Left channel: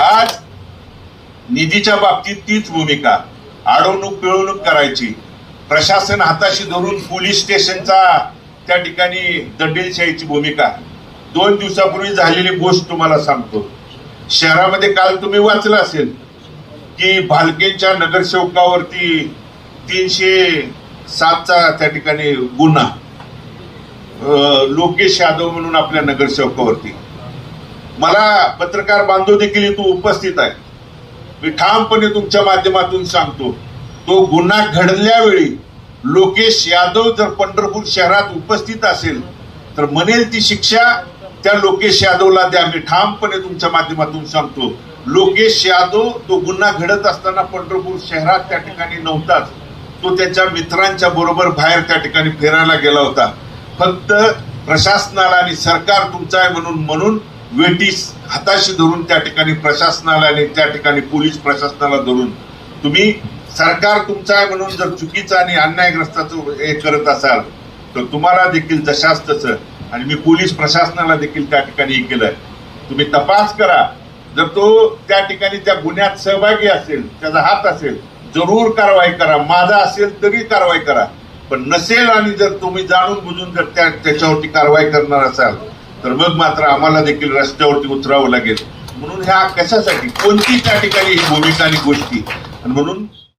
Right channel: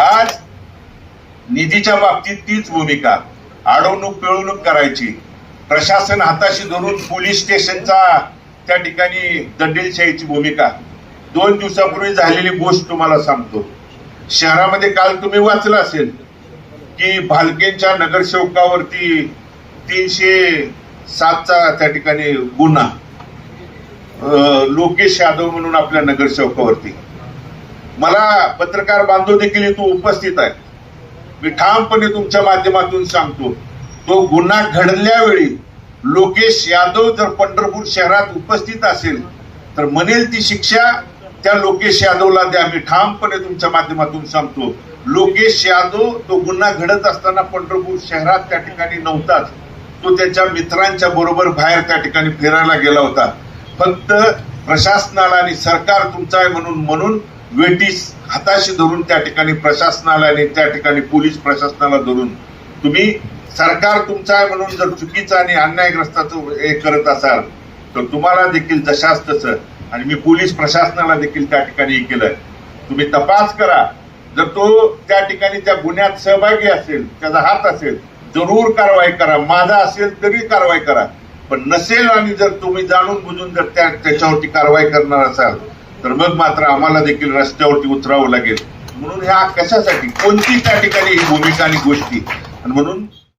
आज निधीच्या बाबतीत तीच भूमिका, अडवणूक पिळवणूक करायची, प्रशासन हाताशी धरून पोलीस स्टेशनचा त्या ठिकाणी दंडेलशाहीची भूमिका। 2 दिवसापूर्वी झालेली गोष्ट तुम्हाला सांगतो। शहरामध्ये काल तुम्ही वाचलं असेल की भालकेंच्या नगरसेवकावरती 307चा त्या ठिकाणी गुन्हा, लोकेश यादव म्हणून आपल्या नगरसेवकावरती। मला पत्रकार बांधव देखील इथं उपस्थित आहे, मी ठामपणे तुमच्या माध्यमातून सांगतो, तो गुन्हा घडल्यावेळी लोकेश यादव जर पंढरपूर शहरात उपस्थित असेल तर म्हणेल ती शिक्षा त्या लोकेश यादवला द्या। मी ठामपणे तुमच्या माध्यमातून सांगतो, लोकेश यादव तो गुन्हा घडत असताना पंढरपूर शहरात त्या ठिकाणी नव्हताच, तो त्याच्या मित्रांच्या बरोबर बाहेर त्या ठिकाणी फिरायला गेला होता। फक्त प्रशासनाला आणि सरकार तुमचं आहे म्हणून वेटीस हाताशी धरून त्या ठिकाणी प्रशासनाला आणि त्या ठिकाणी पोलीस प्रशासनाला धरून तुम्ही सरकार तुमचं आहे म्हणून जर चुकीचं आणि अन्यायग्रस्ताचं हे करत असाल तर तुम्हाला देखील जशास तसं, आणि मी पोलीस प्रशासनाला देखील त्या ठिकाणी हे केलंय, तुम्ही तपास करा। जर तो त्या ठिकाणी त्या गुन्ह्यात सहभागी असेल, त्याचा हात असेल, जरूर कारवाई करा, माझा असेल तरी कारवाई करा। पण नसेल आणि जर तुम्ही जाणून बुजून जर त्याच्यावरती कारवाई करणार असाल तर मग मात्र आम्हाला देखील रस्त्यावरती उतरावं लागेल। म्हणून ह्या कशासाठी, कोणती त्या ठिकाणी भूमिका आणि गोष्टी, म्हणून